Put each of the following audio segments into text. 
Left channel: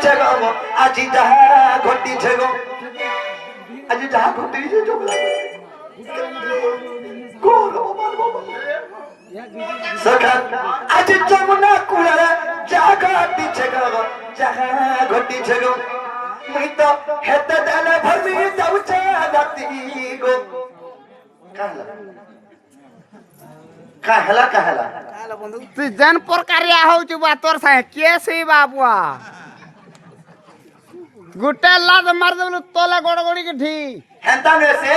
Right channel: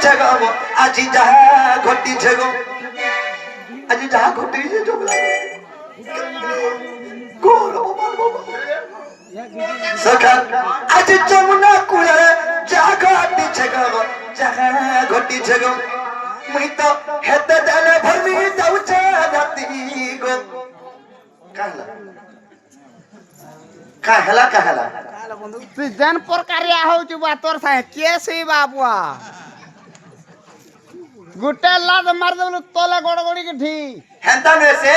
ঘটিছে গো আজি যাহা ঘটিছে গো আজি যাহা ঘটিছে সখা আজি যমুনা কূলে যাহা ঘটিছে গো যাহা ঘটিছে গো মুই তো হেতে দেলে ভরমি যাউছে রাতি গো কাহলা কাহলা তুই যেন প্রকারিয়া হଉଛି বা তোর সাথে কে সেই বাবুয়া গুটে লাদ মার দেবলু তলে গড়গড়ি কি ঢি হেন্তা নেছে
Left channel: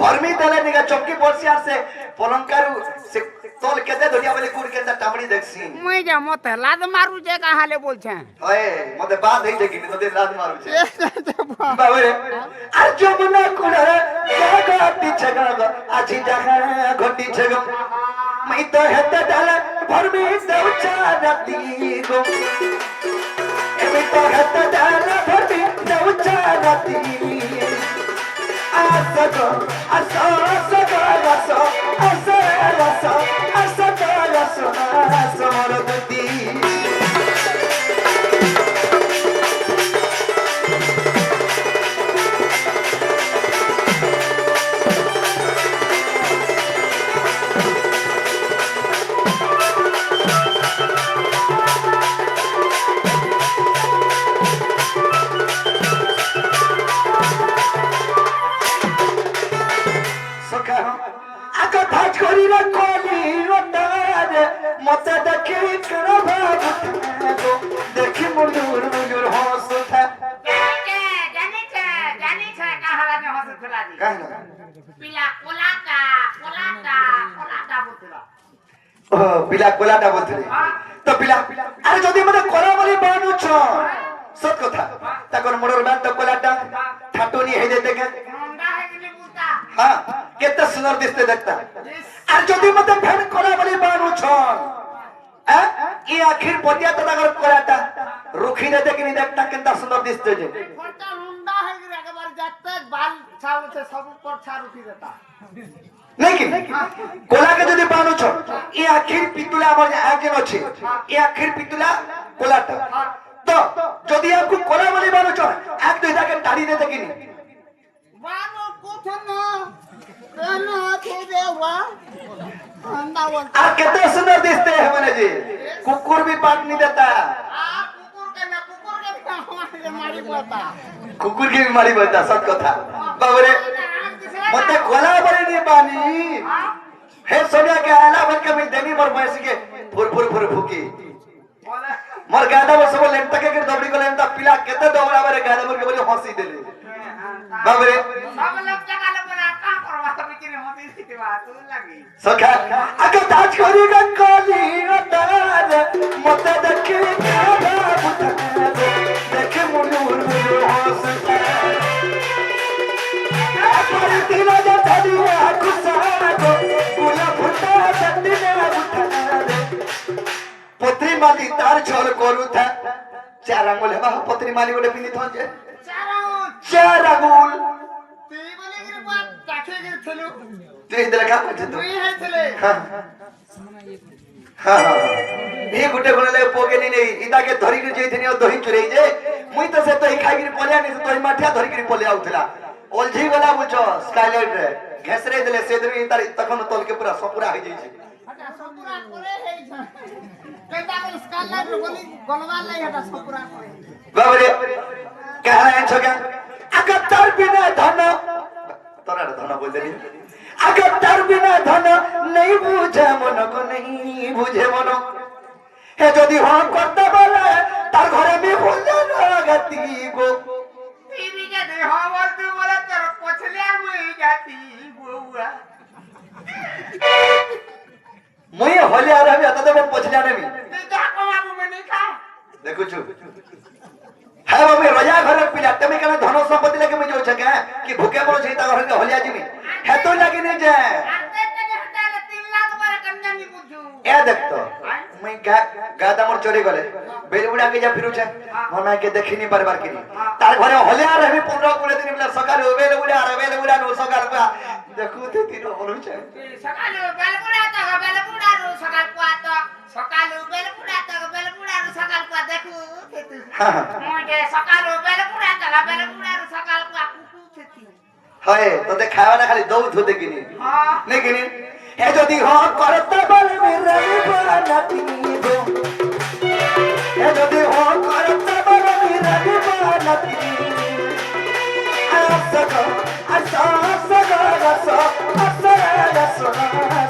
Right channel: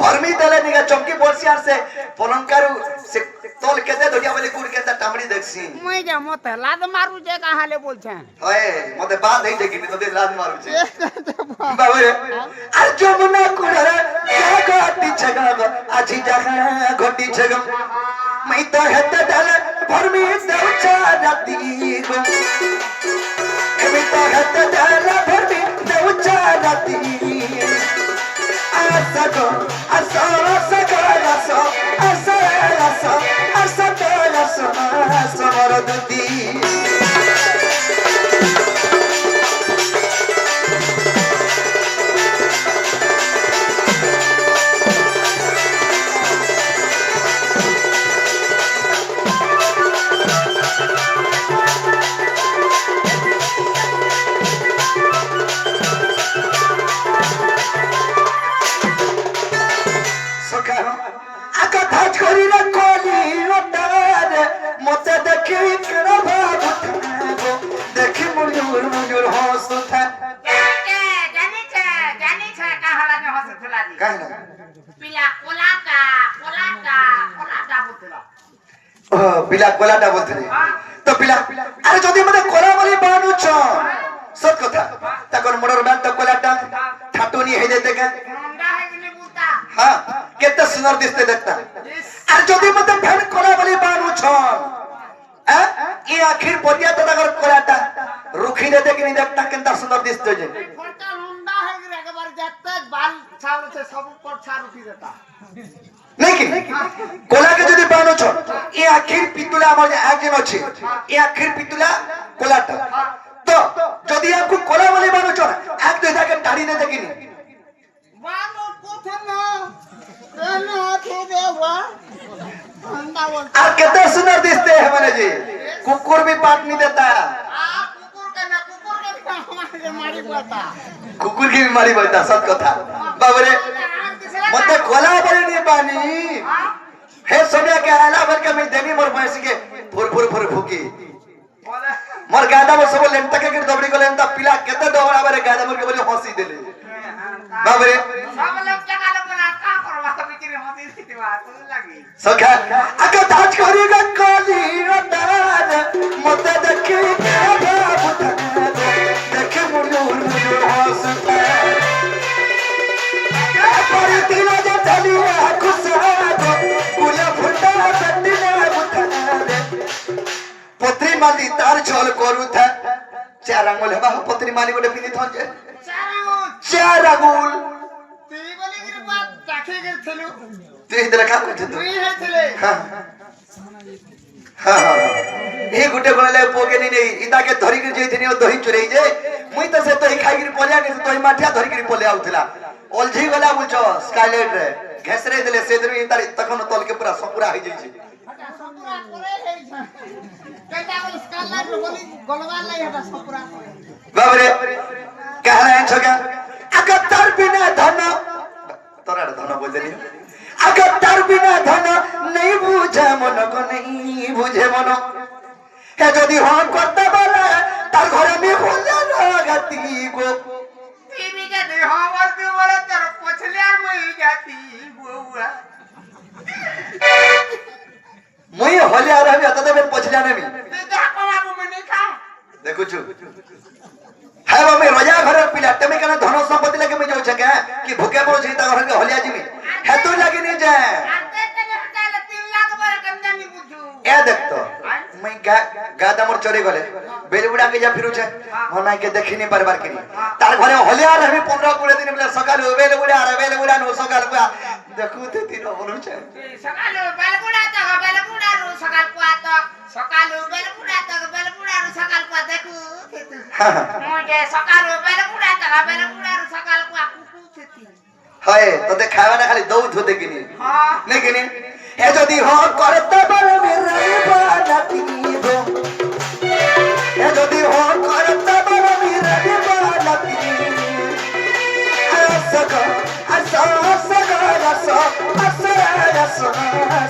ভরমি দেলে নিগা চমকি বলছি আর সে পলঙ্কারু সে তল কেতে ধরিয়া বলি কুড় কেতে টামড়ি দেখছি মুই যা মতে লাদ মারু যে কাহালে বলছে ওয়ে মতে বাদ হই দেখিনি তোদের লাদ মারুছে বাবা আর যমুনা কুলে জাগা ঘটিছে গো আজি জাগা ঘটিছে গো मैं तो हेते डाले भरमी देउचा राती गो मैं तो हेते डाले भरमी देउचा राती आसगो आसो आसगो आसो आसो आसो आसो आसो आसो मरदती मते देखी करो भाव उठागो देखी मुजुर मुजुर हंस उठा जानी छे कहावा में हंस उठला दी कहना पिला कोलाटा बोतला ओ पिला कोलाटा बोतले तो पिला अरे जदी मते कोला वाली बानु छ सत कथा तकर मोर डांट कोलाटा ठाटोनी हे देते का मुंडा है कि बोलता हां केते सुंदर दिसते देखता अरे जदी मते भेड़ कोला वाली बानु छ ये आखिर पतिया तो तकर कोलाटा रुखी दे कि नहीं देखता केंता सुंदर दिसते जे फटा मुंडा है कि एकबार जाते बाल छाल से सब ऊपर छाल उठी देता लेकिन कोला के जदी बानु छ ये आखिर पितुला मोर आगे अछि ये आखिर पितुला कोलाटा तो जदी आपको कोला वाली बानु छ एक दो जाके दाढ़ी दे कि नहीं बानो कोथन केनो तो देवा अंदा बोलता आ कितने सुंदर दिखते हैं हमारे जी कुकुर भी पाट नहीं देता कुकुर के हमारे मारी पड़ता कुकुर की बीमारी बढ़ता सब कथा बाबरे मते कोला बड़ी नहीं पानी हे सोनिया के आला बन के मैं देनी मोर भैंस के फुर फुकी मोर गादा में सब लेंटा के दबड़ी को लेंटा पिला केते दबड़ा बारे गादा मोर के बोले हंसी देले बाबरे सब लोग जगह बोला का करवा बिचारे हंसी देती बात लगी सखा अगर ताज करी का काली रतार मते देखी बाबू देखे मुनुर मुनुर हंसता पर दिल जे धनिया खुशा गुला फुटा दंडना उठा पत्री माली तार छल करू था चार अंगुल हवा पत्री माली गोटे पिंदी थन जे चार अंगुल ती बोले कि बात ताखे कर थलु तू इधर का पूछ तू तुई है थले हां ए गुटे गले पोगे नहीं इदा के धरी के जेथिनी दही चुरई जे मुई त से तो खाई के पलिया के तो माठिया धरी के पले आउथला ओलझी वाला बुझो स्काईलाइट रे घेसरे देले से देवी तार तखन तल के पूरा सपुरा हो जाई छै हटा सपुरा करे है कहता बोल स्काला बोली गलवा लाई हटा सपुरा करे बाबरे कहला है छगा अगर तार बिना धन तोरा धन बोल देनी अगर तार बिना धन नहीं बुझे मन को नहीं बुझे मन हे जदी हम करते बोले तार घर में बोले गति को टीवी के देह बोलते बोले तेरे पछले मुई जाती बुआ मुई होले आ रही तो मैं पछलिया नहीं तेरा कोमा को मैं नहीं खा देखो छु है वो मैं रजा घर पिला तमे कने धनो संपत्ति लगे मैं जो छके कि भूखे बोल छै ता घर के होलिया जीवी है तो लगे नहीं जाए आते तने हटाले 3 लाख बार कन्या नहीं बुझू ए देख तो मैं गादा मोर चोरी गले बेलुड़ा के जा फिरू छे मना के देखिनी बार बार किनी तार घरे होलिया रही 15 20 दिन बोले सकाल बेलुड़ा नो सकाल देखू ते तीन बोलू छे सकाल बेलुड़ा रो सकाल को आता सकाल बेलुड़ा ବେଲଗୁଡ଼ାରୁ ସକାଳକୁ ଦେଖୁ ଥିତୁ হ্যাঁ ମୁଁ ଯେ ସକାଳୁ ବେଲଗୁଡ଼ା ତଲା ବେଲଗୁଡ଼ାରୁ ସକାଳକୁ ଆକୁ ଥିତୁ হয় তোতে খাওয়া না খালি দৌড় হতে কিনি ହଁ नहीं किनी ए যদি হ করতে বলে মেরা বানাতি গো এ যদি হ করতে বলে মেরা বানাতি আসগো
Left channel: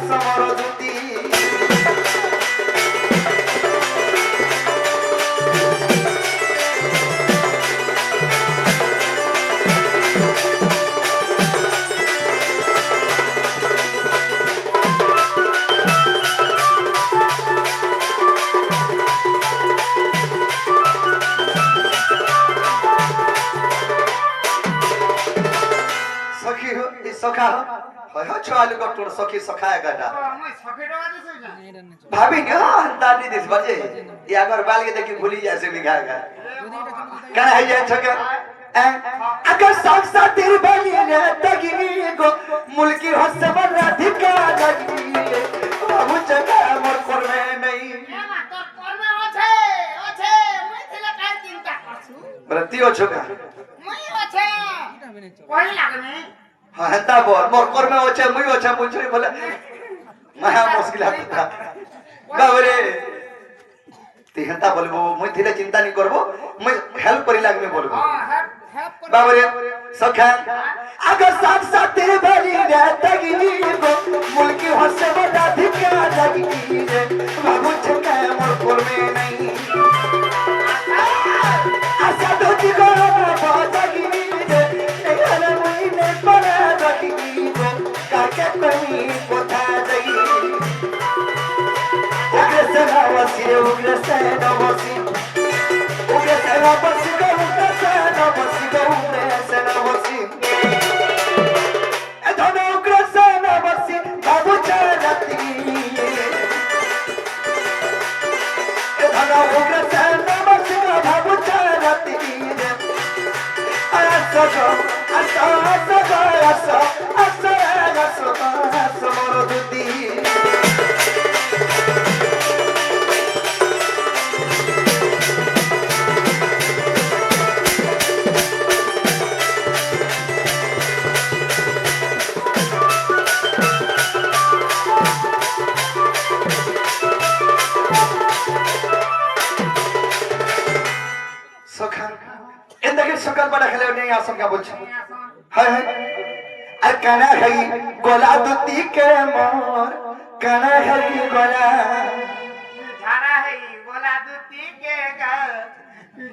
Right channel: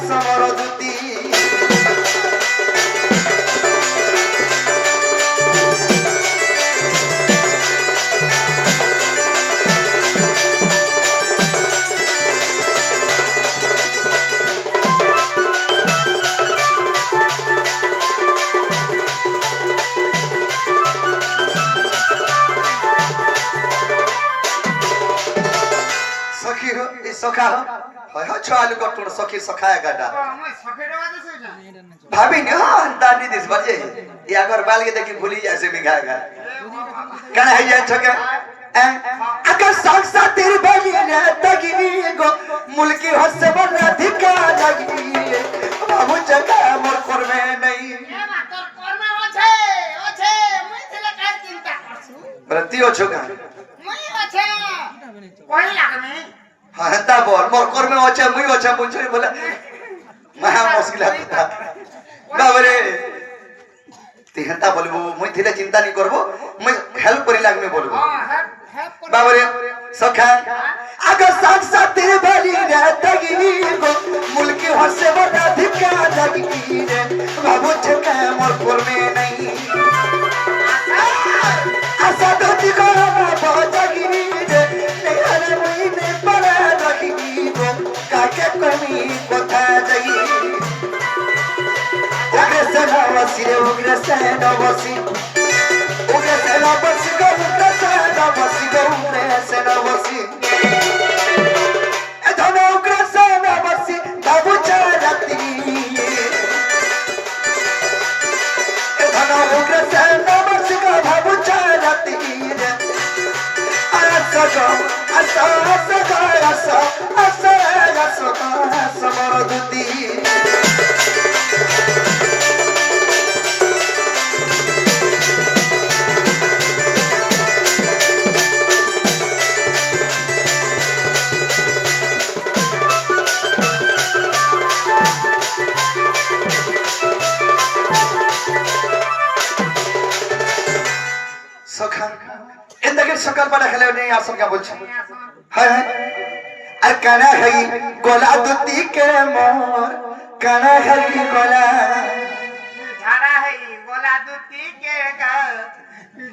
সমরদুতি সখী হো এই সখা হো হয় চালু কটুর সখী সখায় গাটা ମୁଁ ସଫେଟ ବାଦେ ସୋଇନା भाभी ने दादी दिस बजे ये अगर बाल के देखी भूली जैसे बिगागा कहना है ये छके अगर साक्षा तेरी बली ने तगी गो मुल्की हसे बना धिका लगी बाबू जगह मोर कर में नहीं એ માં તોર કર્મ ઓછે મુઈ થલે કાઈ ચિંતા કરછું रतियो छका મુઈ ઓછે કોઈ લાગને हां हता बोल मोर कर में होचे मुई होचे मुझे बोला महा मुश्किल है बाबरे ती हता बोलबो मुई थिले चिंता नहीं करबो मुई हेल्प करी लाग में बोलबो હા હેલ્પ કર बाबरे सखा अगर साथ साथ तेरे भली रे तगी गो मुल्की हसे बड़ा धिका लगी रे बाबू छका मोर कोर में नहीं आशा तो दिखो बाबा जगी रे नहीं हले मुई ने बड़ा लगी गो काके कमी बता जगी उग्र से न बसी उग्र से न बसी गो उग्र से न बसी गो उग्र से न बसी ए धन उग्र से न बसी बाबू चालती ए धन उग्र से न बसी गो बाबू चालती समरदुती সখা এন্দাকে সকাল বেলা খেলে নেই আসন কা বলছি হ্যাঁ হ্যাঁ আর কানা হই গোলা দুতি কে মোর কানা হই গোলা ঝাড়া হেই গোলা দুটি কে গা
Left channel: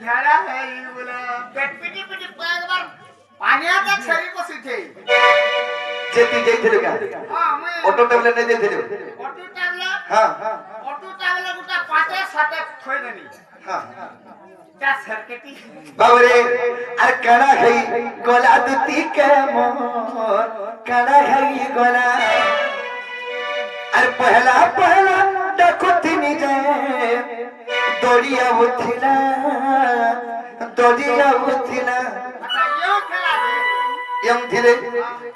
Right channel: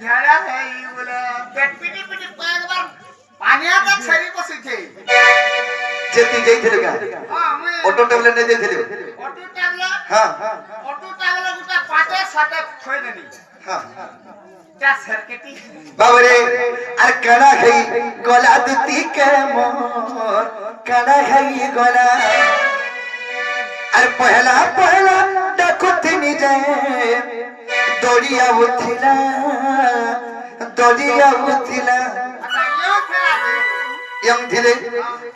ঝাড়া হেই গোলা পেট পিটি পিটি একবার পানিয়াটা ছেড়ি বসিছে যেতি যাইছিলে গা হ্যাঁ আমি অটো টেবলে নে দিছিলে অটো টাবলা হ্যাঁ গোটা পাটের সাথে থই দেনি হ্যাঁ তা সরকেটি বাবরে আর কানা হই গোলা দুতি কে মোর কানা হই গোলা আর পহলা পহলা দেখো তিনি যায় দড়িয়া উঠিলা আচ্ছা ইউ খেলা দে এম দিলে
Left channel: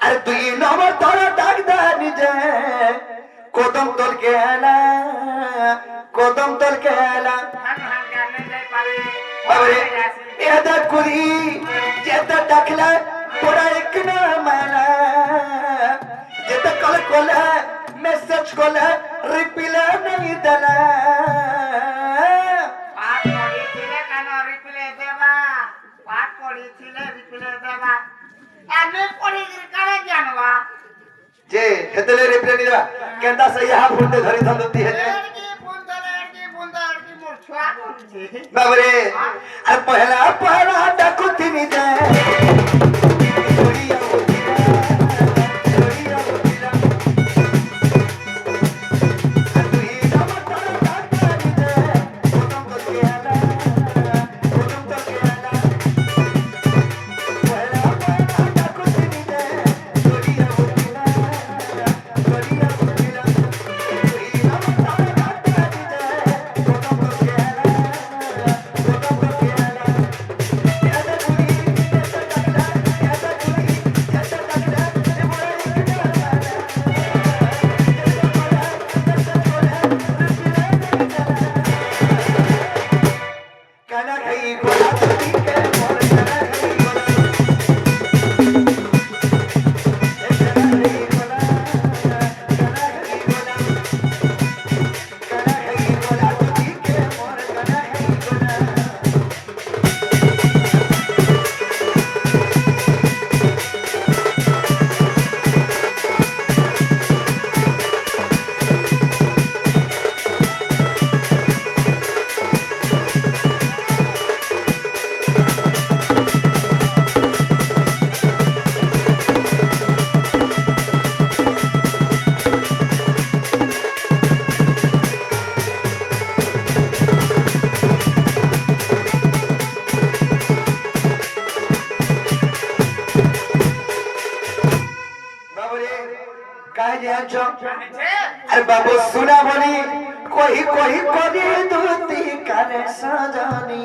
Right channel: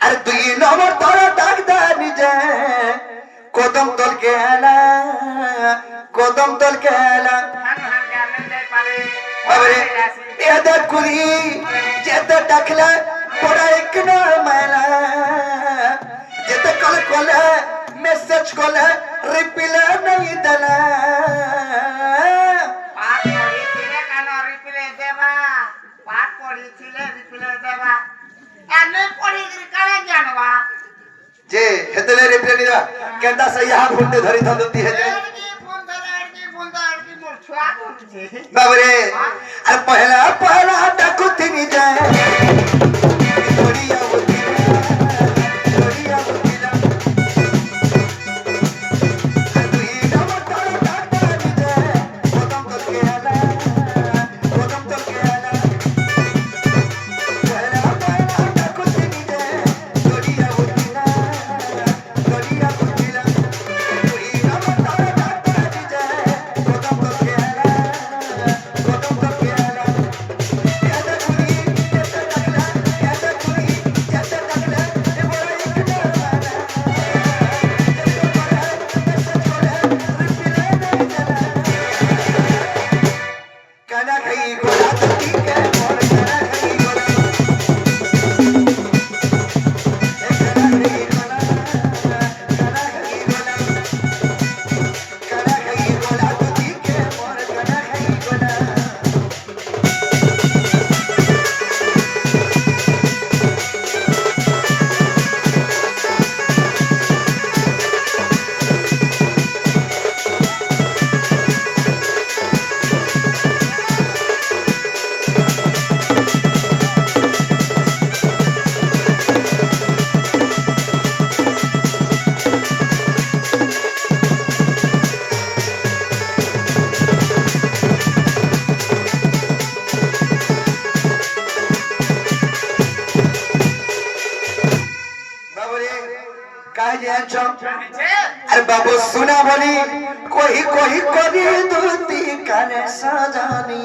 আর দুই নম্বর ধরা ডাক দানি যায় কদম তলকে আলা হান হান জানে যাই পারে বাবরে এদা কুরি যেটা ডাকলা পড়া এক নয় মালা যেটা কল কলে মেসেজ কলে রিপ্লাই नहीं দলা পাট পড়িছিলে কান রিপ্লে দেবা পাট পড়িছিলে রিপ্লে দেবা এনে পড়ি কানে জানবা যে হেতলে রিপ্লাই নি দেবা কেনটা সে ইহা ফোন ধরি ধন্দতি হে এরকি বন্ধ এরকি মোর ছুয়া করছে বাবরে আর পহলা ডাকু তিনি যায় দড়িয়া উঠিলা আর দুই নম্বর ধরা ডাক দানি যায় কদম তলকে আলা পহলা ডাকু তিনি যায় দড়িয়া উঠিলা দুই নম্বর ধরা ডাক দানি যায় কদম তলকে আলা এদা কুরি गई गोला धरती के मोर करा गई गोला करा गई गोला धरती के मोर करा गई गोला अरे बाबू सुना बोली कोई कोई कोई दूती काने सजानी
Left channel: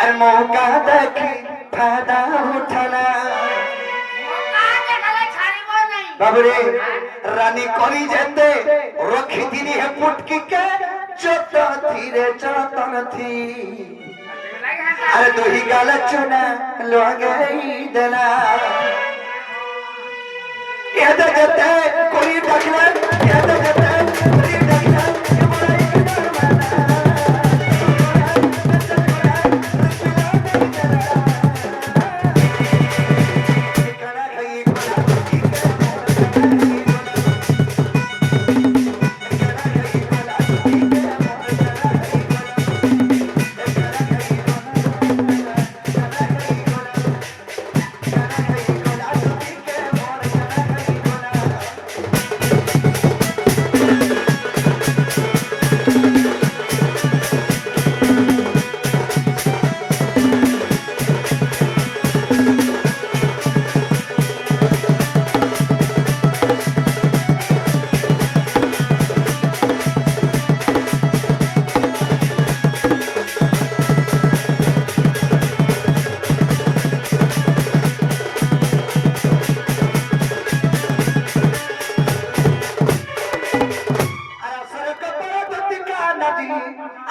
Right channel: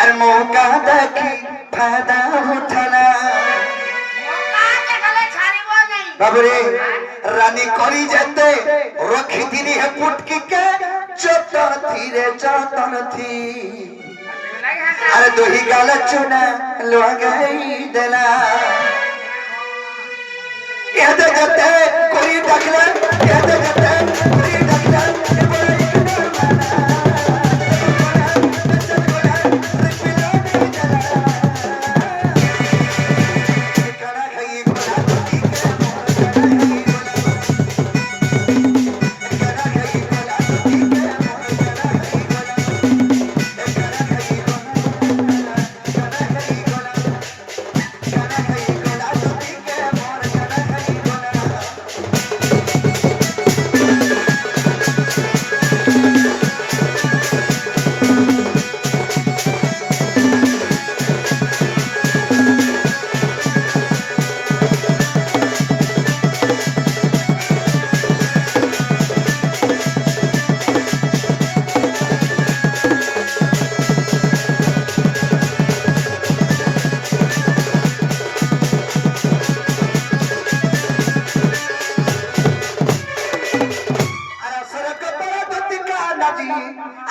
अरे मौका देखी फायदा उठाना बाबू रे रानी करी जेते रखी दिनी है पुटकी के चतन थी रे चतन थी अरे दो ही गाला चुना लो गई देना याद करते कोई डकला याद करते कोई डकला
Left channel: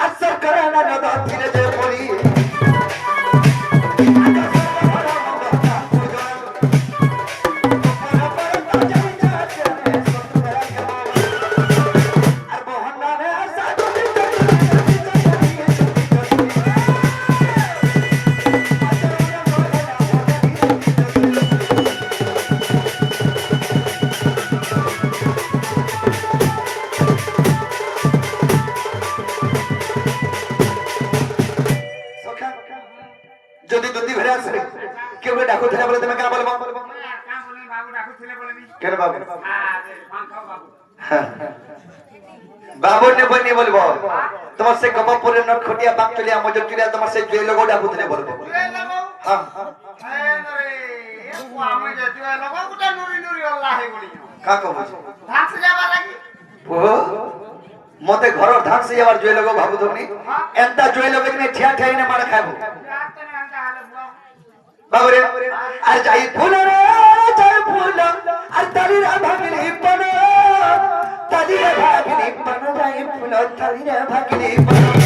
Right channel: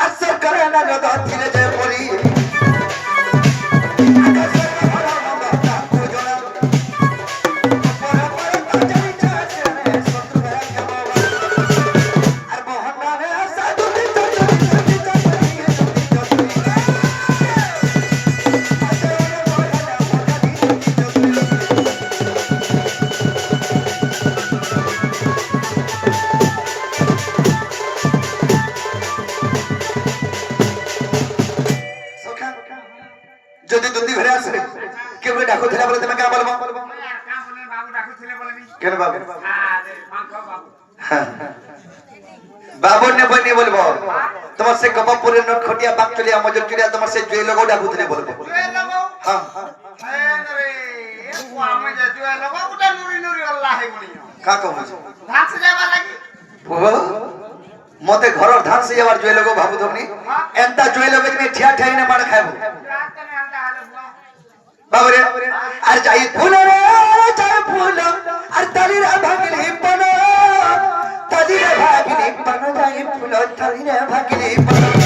असर कराना लगा धीरे धीरे बोली যদি দুদি ঘরে আসে কেউ ডাকো ধরে বলে তুমি কা বলবো কেন বাবু বাবু ने बनी बोलबो তোমার সে কপাপুরে নট খটিয়া বাকচলিয়া মজর চুরিয়া তোমার সে জয় লগো ডাকু ধরে বলবো हां রে ও আমি যে জয় লগো ওটা নুরি নুরি আল্লাহ হে বলি কা কো বুঝো ধান সে যাবা লাগি ও মতে ঘর ধান সে যাবার জয় লগো ভাবু তুমি এন্তা জয় লগো তুমি ঠিয়া ঠাই না মার খাবো বাবরে আর যাই ফুল রে যাই ফুল আর তালিরা ভাগলি পন তালিরা ভাগলি পন যাই ফুল তালিরা ভাগলি পন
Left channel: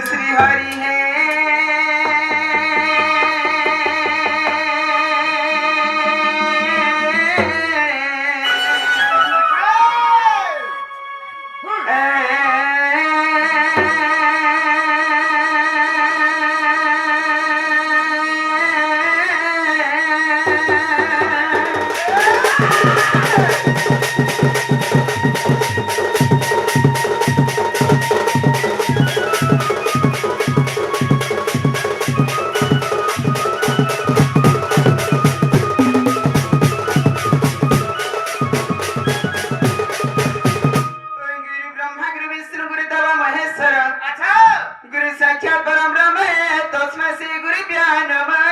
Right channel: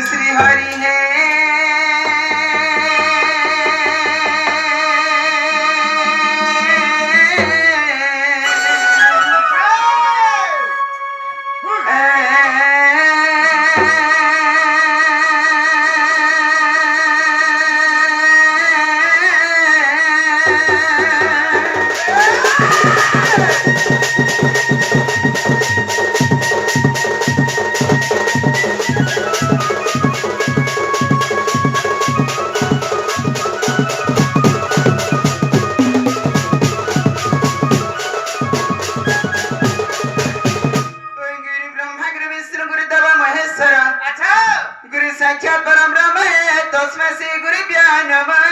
श्री हरि है गुरु साक्षात परम ब्रह्म है तस्मै श्री गुरुभ्यो नमः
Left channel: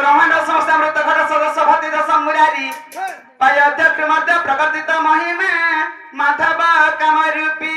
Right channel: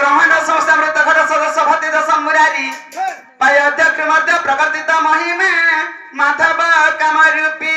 ब्रह्मांड समस्त घट सदस्य भक्ति दशम मुरारी पायोद्य क्रमद्य प्रवर्तित महिमे माधव कामरूपी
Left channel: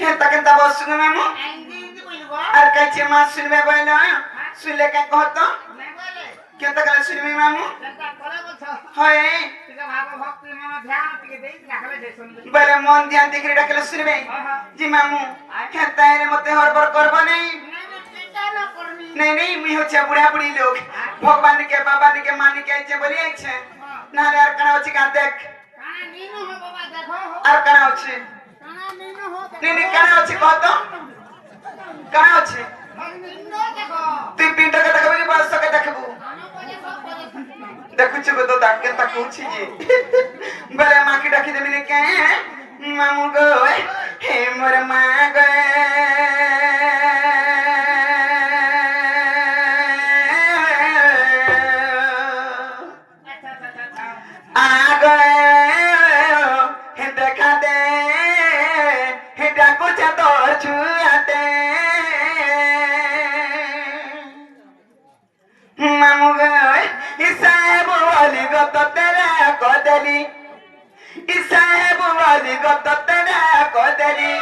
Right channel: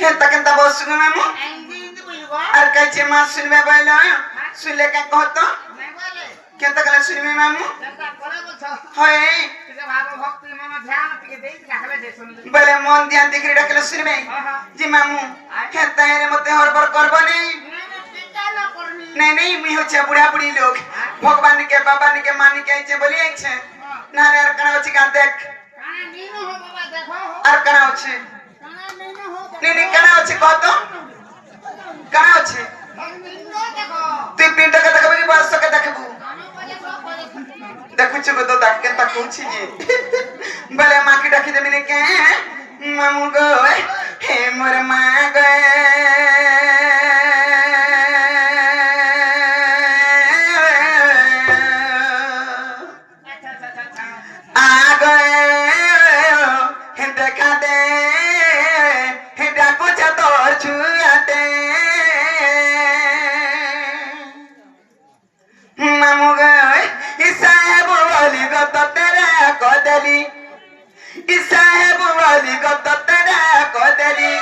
হেতা কেনতা বস শুনবে মামু হিন্দি বলবো আর কাইছে মা শুনবে বলে শুনলে কে কহত নাই বলে কেনতা কলে শুনবে মামু কেনটা করে বলছ হয় ଟିକେ ଭାବ ଭକ୍ତି ମନ ଧ୍ୟାନ ଟିକେ ଦେଇ ଡାକଲେ ଯେ ଶୁଣିଲେ বলে মন ধ্যান দেখে ডাকলে শুনবে জি মামু হেতা এর মধ্যে হরবর করব নেই চিন্তা না করবি नहीं नहीं मैं हो चा बुढ़ा बुढ़ी लोग भगवान के बाबा के मानी के आइছে বলি আইছে না রে আর কানা হচ্ছে কান দেখ কানা নিনো হো বাবা দেখো হো আর কানা হচ্ছে কানা নিনো হো नहीं नहीं কানা হচ্ছে কত কানা হচ্ছে নিনো দেখো তুই পিন্ড কে দেখবি কি বয়স কে দেখবু আনো পজে সব পজে দেখুছি গো তো ডাকে তা কইছি জি বলে মা কি ডাকি দেবি নে কে মামু গো হে মোর মা গো আচ্ছা আচ্ছা আচ্ছা आ गए हे देखा दे हे डाको चतोर छुआते मामू गए इसाहेब वाली गो तो तेरा कोदली इसाहेब वाली गो तो तेरा कोदली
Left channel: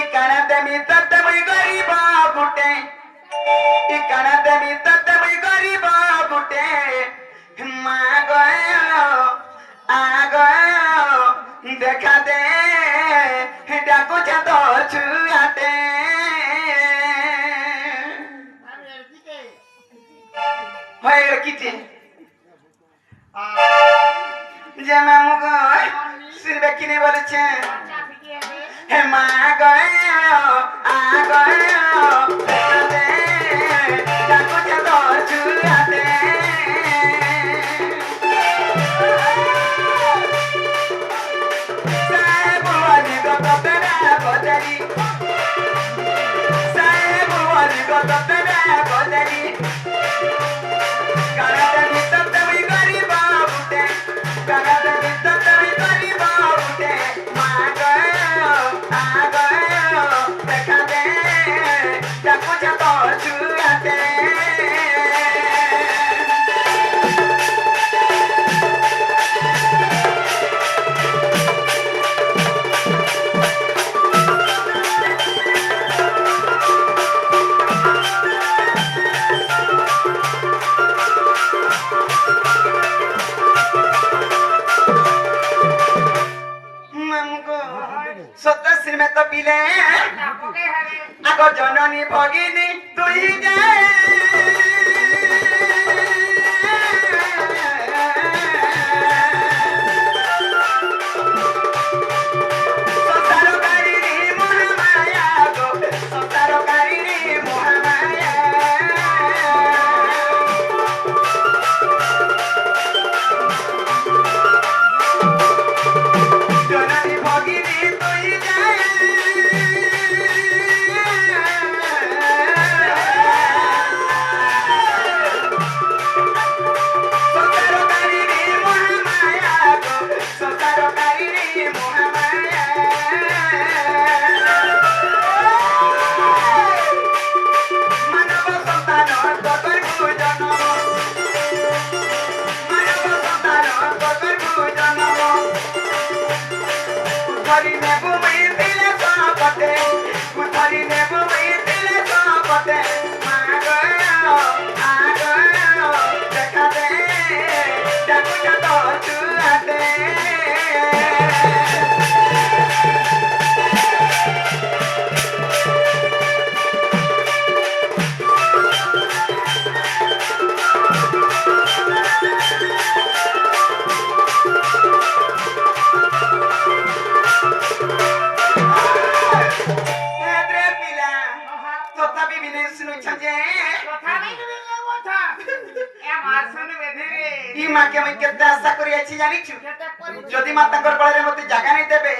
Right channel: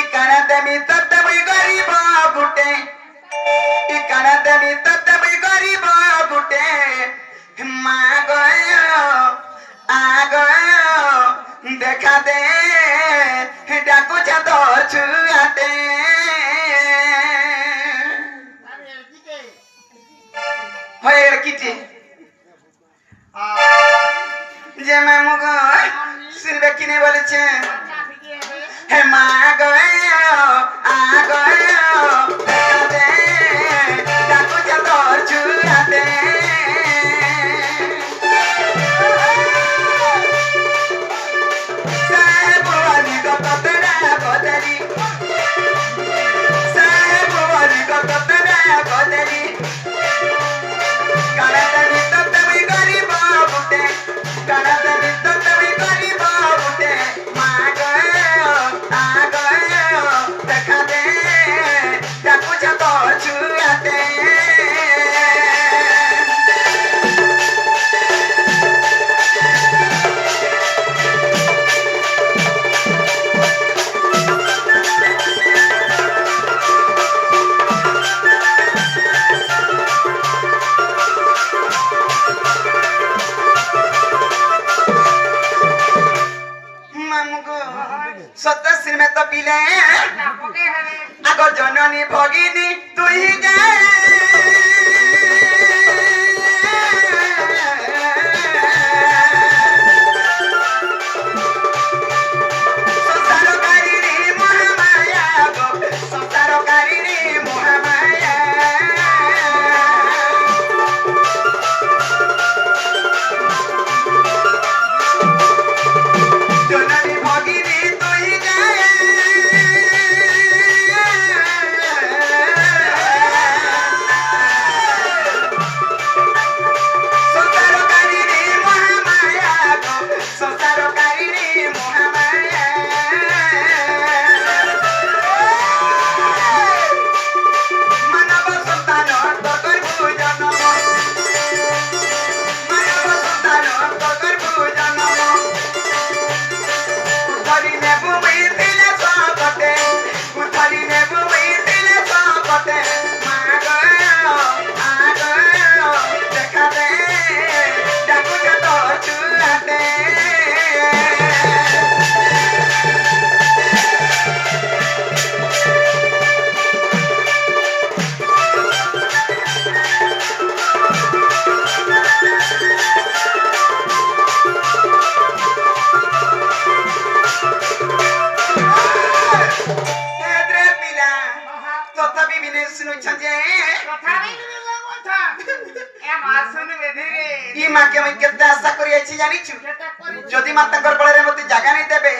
इकाना दमी तत्तमी गरीब बुटे इकाना दमी तत्तमी गरीब बुटे माँ गयो आ गयो देखा दे डाको चातो छुआते আরে এদিকে হয় কিটি যে মামু গো সিলবে কিনে বলেছে আচ্ছা ফিকে হবে হে মা গयो आ गयो देखा दे डाको चातो छुआते साहेब वाली गो तो तेरा कोदली साहेब वाली गो तो तेरा कोदली गणतरी तो तभी गरीब बुटे गणतरी तो तभी गरीब बुटे माँ गयो आ गयो देखा दे डाको चातो छुआते মামুগো সত্যশ্রী মে তো পিলে পকে হবে আগ জননী ভগিনী তুই যায় সংসারকারী রে মহামায়া গো সংসারকারী রে মহামায়া জননী ভগিনী তুই যায় সংসারকারী রে মহামায়া গো সংসারকারী রে মহামায়া মানব সন্তান তকর ভোজন মানব সন্তান তকর ভোজন উঠারি নে ভূমি দিলে সবতে উঠারি নে ভূমি দিলে সবতে মা গো আ গো দেখা দে ডাকু যাতো ছুআতে হেদ্রে পিলা তথাপি বিনে শুনুছ যে কথা বলবি না কথা এ মাসন বেধিরে ই মাকে আমি কেতে আশা করি আছি জানিছু কেতে করি যদি মা তাঙ্কর বଳରେ মতে জাগা নাই দেবে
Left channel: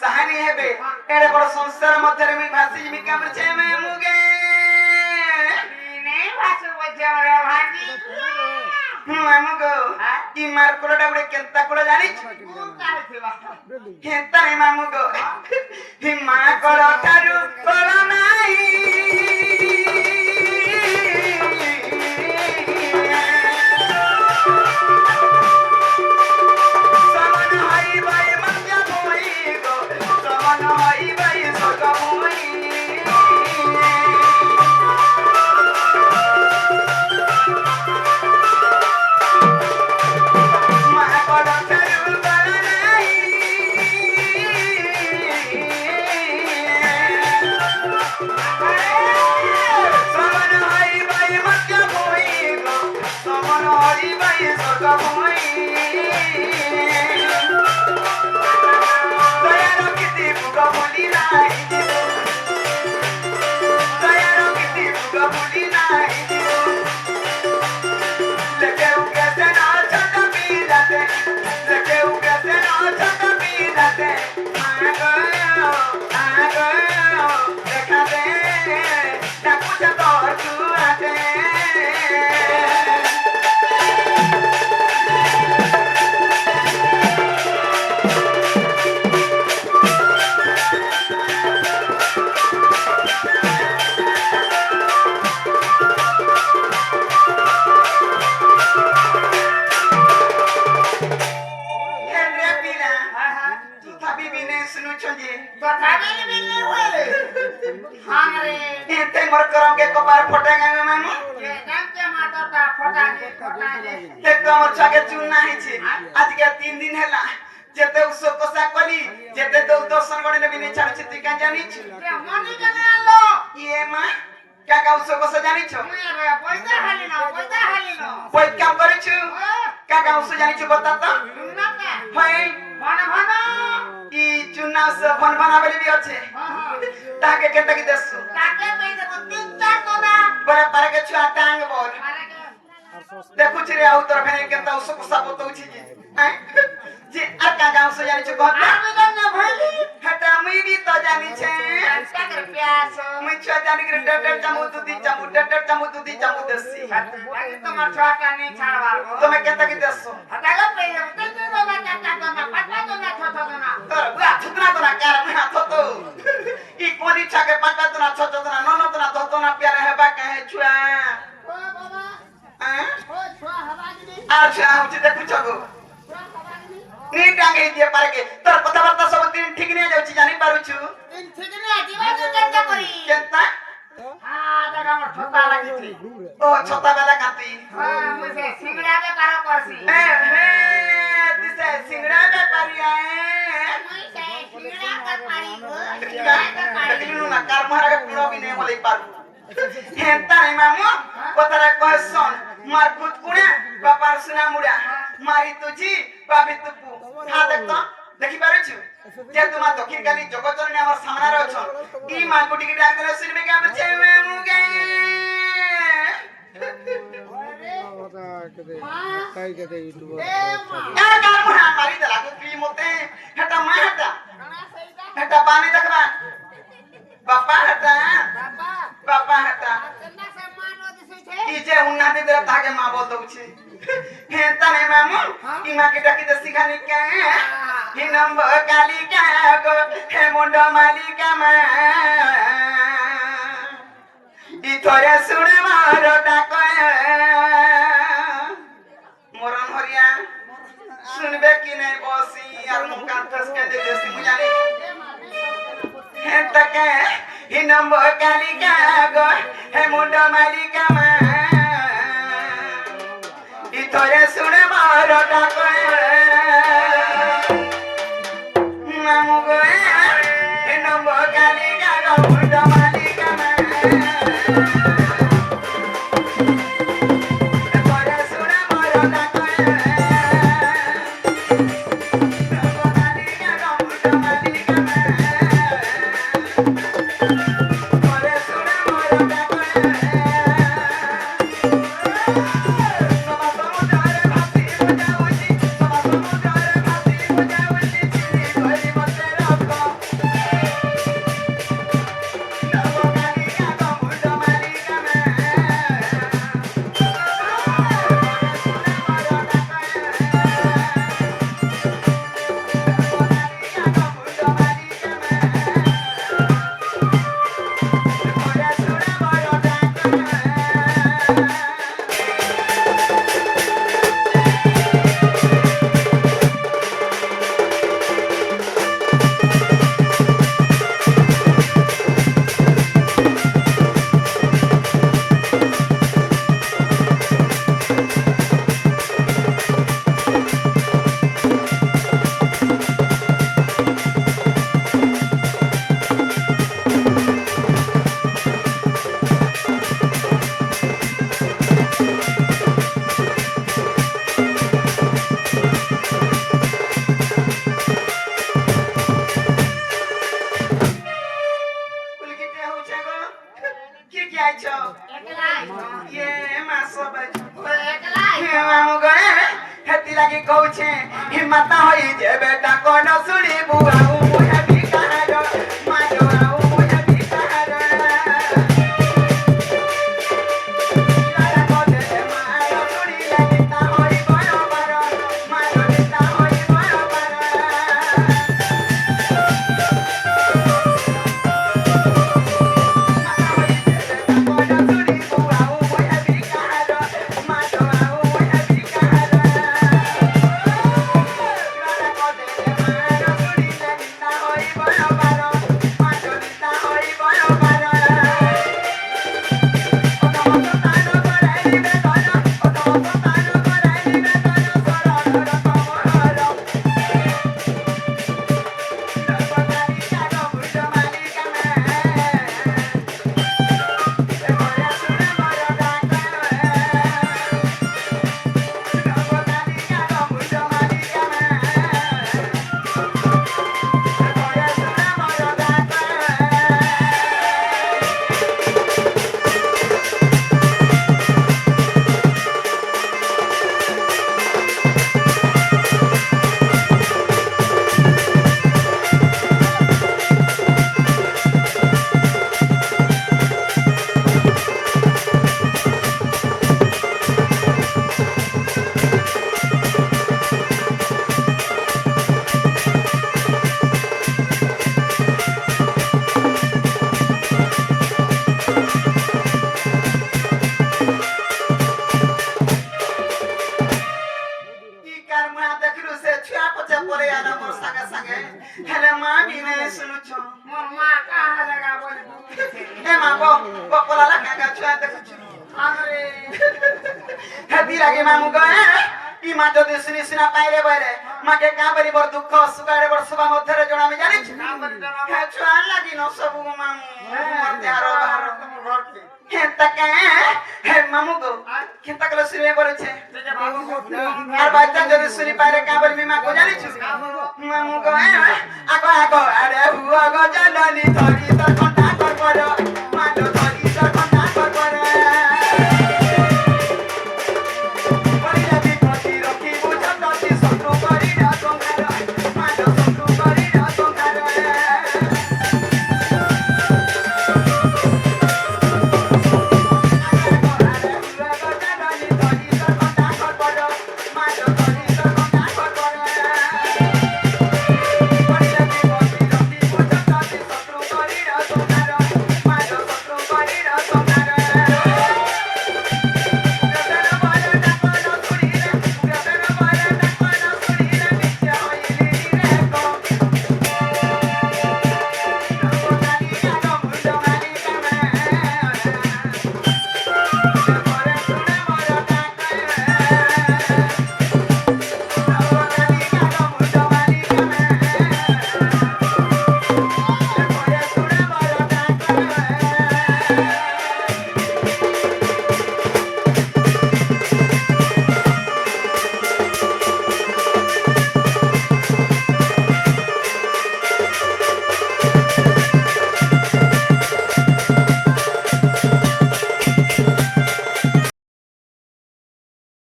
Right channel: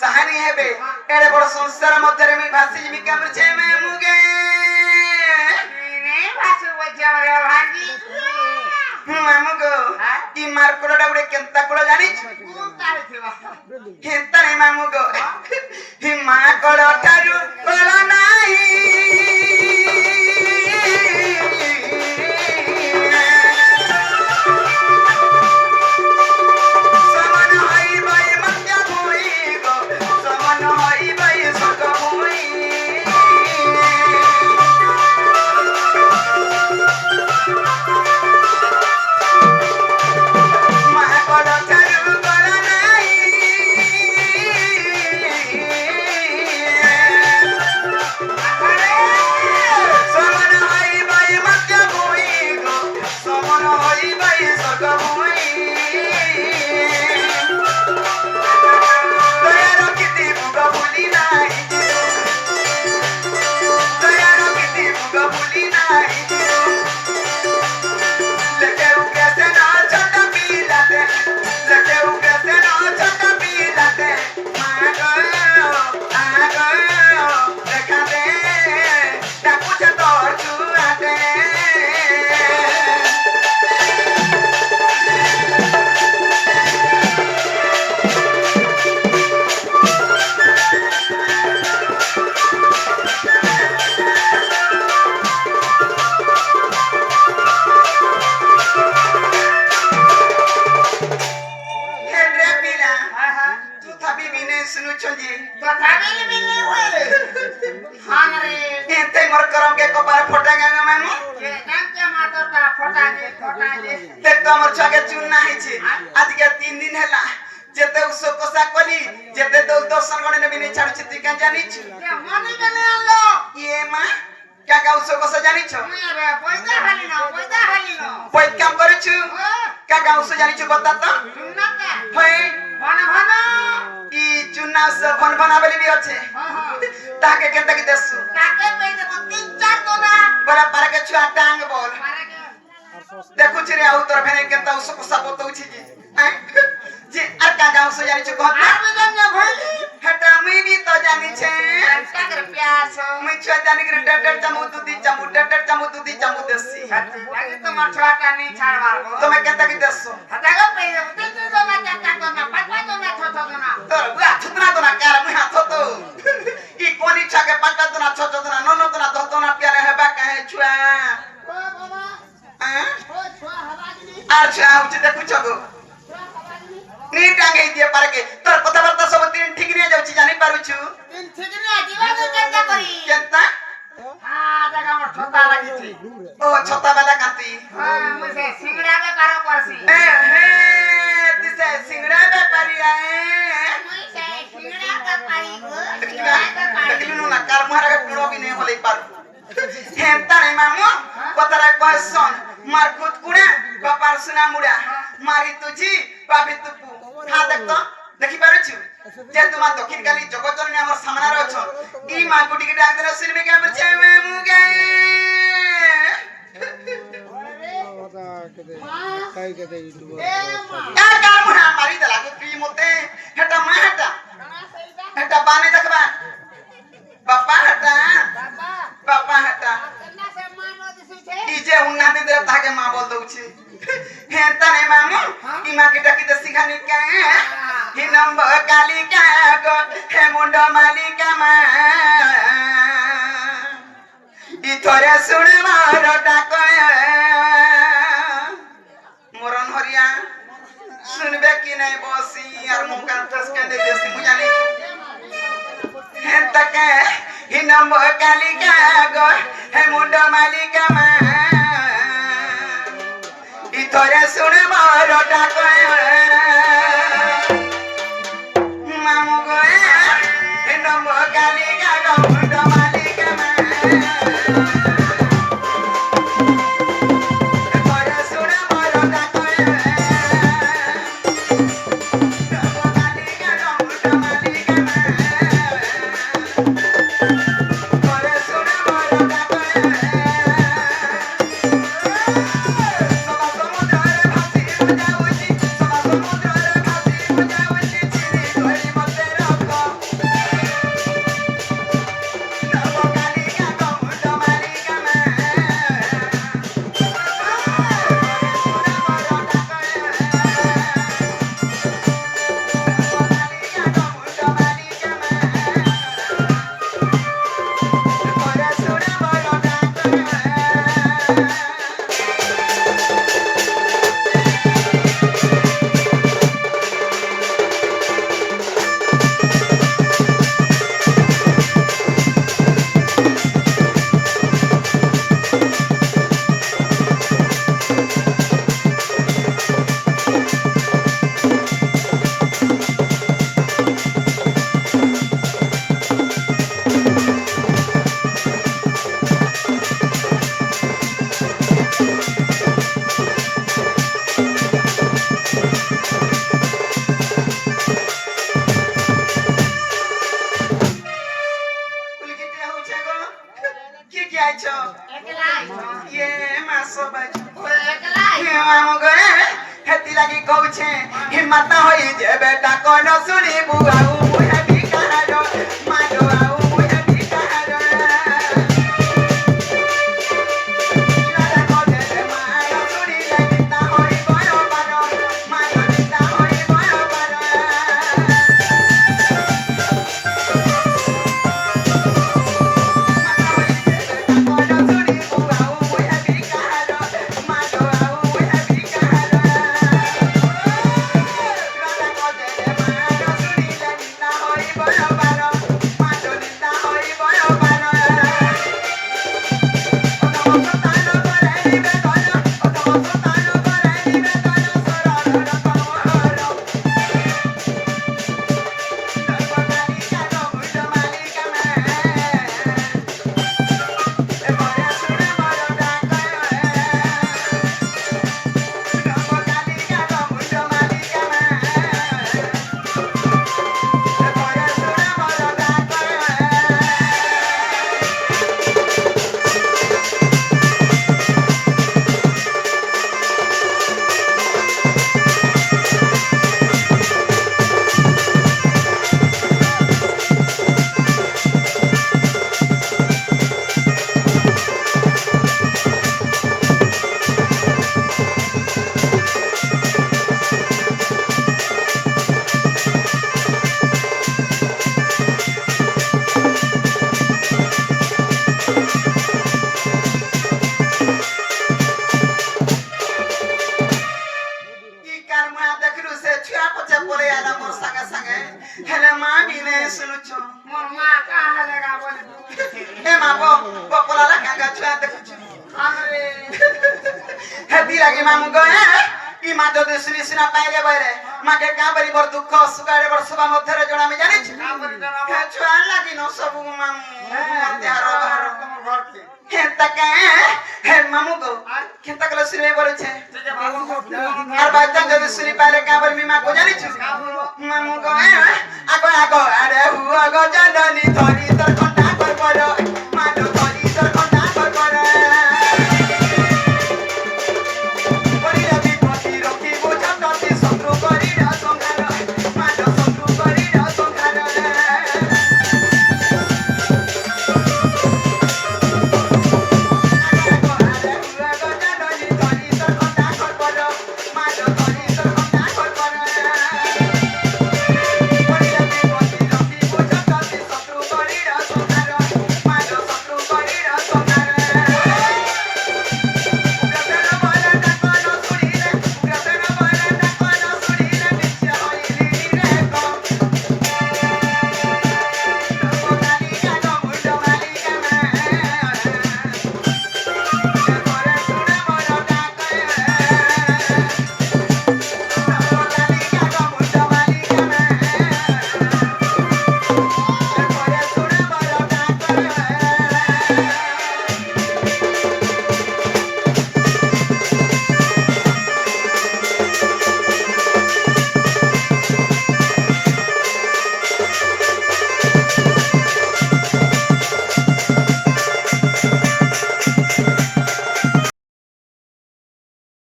সাহানি হেবে এড়ে বড় সংসার মধ্যে আমি ভাসি জিমি কামছে মামুগে নে ভাসু বজে মরে ভাঙ্গি মামুগো ই মার কোড়াটা উড়ে কেনতা কোড়া জানিছু কোন কাহে থিবা কেনতা রে মামুগো হি মা কোড়া ঠারু কোড়া নাই সমন হই ভাই মন্যা ভুই গো সমন হই ভাই সগম ତଥାପି ବି ନେ ଶୁଣୁଛନ୍ତି ତଥାପି ବି ନି ହୁଏ ହାଙ୍ଗରେ ଏତେ ମୋର କରମ କେ କପାର ଫଟେ ଗାଁ ମାମୁ ଏ କାକେ ମାତଟା ଫଟା ଯେ ଦେଖ ମୋର ଛାକେ ଚୁନା ହେଇଛି ଆଜିକା 3 ଦିନ ହେଲା ଯେତେ ଉସ କଷା କଲି ଯେତେ ତ ଦର୍ଶନ ଗଣେ ନେବି ନେଇ ଛାଡୁଛି ତୁଇ କାଁ ଜାଣିଛୁ ଏ ମନେ କେନେ ଆलो ଇଏ ମା କାକା ଉସ କଷା ଜାଣିଛ रे पैसा हालिन ପଇ କାମ କରିଛୁ କାକା ଉସ ଜାଣିଛୁ ବତା ତ सुन्नता ହଇ भन भन ଇ ଚୁନା ଉସ ଭନ ଭନା ବୋଲି ବି ଅଛି ତାକେ କେତେ କି ଦେସୁ काके पैसे को 3-4 दोना ବୋଲେ ପାରକେ ଛୁଆ ଟାଙ୍ଗ ବୋଲ मारे के ଦେଖୁଛି ରେ ଆଉ ତୋର ଫେରେ କେନ୍ତା ଉସ କଷା ବତଉଛି ଯେ আর কাকা উস জানিଛୁ কথা आर में जाने भइली হেটা মুই ବି ତ জানিছে काकर प्यास मुई छुआ जानी के डटर चामु दूधी चामु देसी बाकी तो मछुआटा नहीं छाड़वार को तमे केता की देसो हटागो पैसे 3 दोना 4 दोना 5 दोना 6 दोना तर बुआ थुना तो ना कार मुई हाथ तो ई कोनी छाके पाटा तो ना छोटो तो ना ननो तो ना दो तो ना प्यारे हेबा कहे छुआ ओ बाबा ओ छुआ हवागिनी आ छुआ उचे देखु छगो छुआ हवागिनी नी टांगे दिए पारे के तोर कथा बार्ता सब दिन ठीक नहीं जाउची जानि पारु छु इन ठीक नहीं जीवा तो केता करी केता हां जगह मोर छोटा लगी थी ओ छोटा वाला काती हां मुझे सिंगड़ा के पारो करसी हे दिसे सिंगड़ा व्यापारी आए मुझे सिंगड़ा का पारी को देखिला देखिलु ना कार मारा के पुरो भी नहीं बोले पारु हेंता रे मामू कतरे कहसन मार खुद कुड़ा बापार सुना मुड़ा मारी तुझी पापी तुपु हा देख तो देखि पारु छु जे तुमा दक्षिण काली जगतजननी हमर सामना रे अछ ई मां गुटी के डाक देले सुनबे के बचे मामू गे ए मां का का मुड़ा मारी देला को पी मोते हेटा मा हेटा कना सहीदा हेटा पानी देखबा बापा हेटा बाबा बापा हेटा कन्ना से मानो दिसै छे ई जे उन्नति दे ताके मां बोल दउछि हेता ने मामू ई मां के डाकी दे सिखानी के ही नंबर काली का गो हे मुंड मालिका मा ई थोरे सुनवार डाक मोरन हरिया सुनबे कि नहीं बसी यार मुका टस के दे देसी मु जानी हेता के ही नंबर काली का गो हे मुंड मालिका मा ई थोरे सुनवार डाक मामू गोए हे नंबर काली का गो मुंड मालिका मा थोरे सुनवार डाक हिम्मत होई जे बेटा कोनो सुनी बुआऊ मुहे बिकारो मारो आऊ मुहे बिकारो यारा को दे मारो सुनी लगता होई गयो बारो मारो देता होई गयो बारो कोनो सुनी बुआऊ मुहे बिकारो मारो आऊ मुहे बिकारो संगे संगे हेले मां भी ने सुनुचो मोर माँ कहाँ लगा बोले ए मां को पोला लगा का छुआ ते कुछ अरे हेती लगे मामू गए ई मां जो दुसरी सिना पाइले बरे मां के का बरी बर दुख सुगारे बर सुगा मधरे जोड़ा में जानी छ छुआ लागी न सब मामू ते हारो हारो हे तक हे मामू को के तक लो सिरे बोले छे আর বাচ্চা যদি শুনি পারে কাবার মিমা কো জানি ছ মামু গো